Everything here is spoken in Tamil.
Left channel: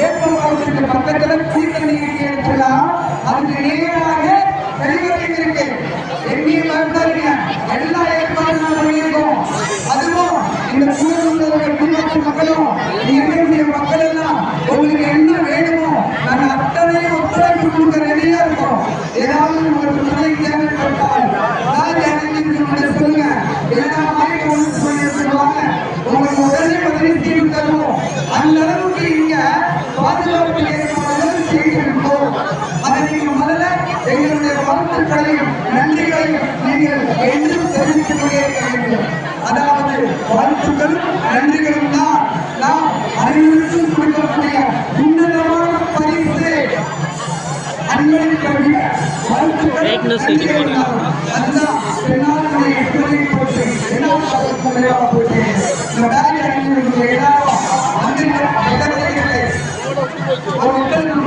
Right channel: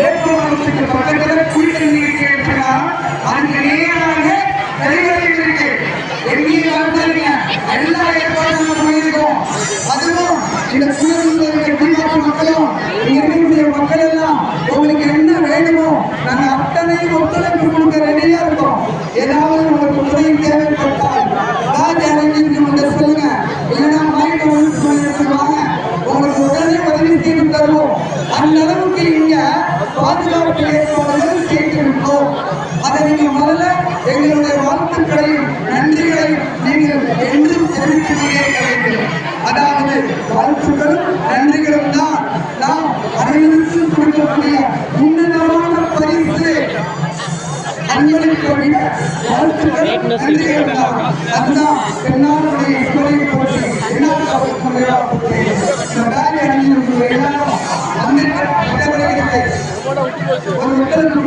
வேட்பாளருக்கு பக்கத்துல கூட்டணி இருக்குன்னா அதுக்கு நேராக தலைவர்கள் இருக்கு. எங்கேயும் பார்த்தாருங்க எல்லா ஏற்பாடுகளும் பண்ணியிருக்கோம். அதுவும் இந்த குடும்ப மக்களும் இருக்கக்கூடிய மக்கள் எல்லாம் உங்களுக்கு என்ன வேணுமோ நாங்க அத்தனையும் ஒத்துழைப்பு கொடுக்க ரெடியா இருக்கோம். ஏதாவது உங்களுக்கு துணை தேவைப்பட்டால் சொல்லுங்க, இல்லைன்னா வாங்க, உங்களுக்கு உடனே உதவி செய்து தருவோம். அந்த அளவுக்கு இங்க பாதுகாப்பு ஏற்பாடுகள் செய்திருக்கோம். அதை நீங்கள் முதல்ல எங்களுடைய வாழ்த்துக்களையும் நன்றிகளையும் நீங்கள் என்று தெரிவித்துக்கொண்டே இருக்க வேண்டும். அதாவது வாழ்த்துக்களும் நன்றிகளும் தான் நாம் அனைவருக்கும் கொடுக்கக்கூடிய உன்னதமான பரிசு. அன்பளிப்பை வாழ்த்துக்கள் நன்றிகள் தான். அதுதான் பெண்ணாளுடைய இவரை பற்றி என்ன இந்த வேலை அணிஞ்சிருக்கிற எல்லாரும் ஒரு மக்களுக்கு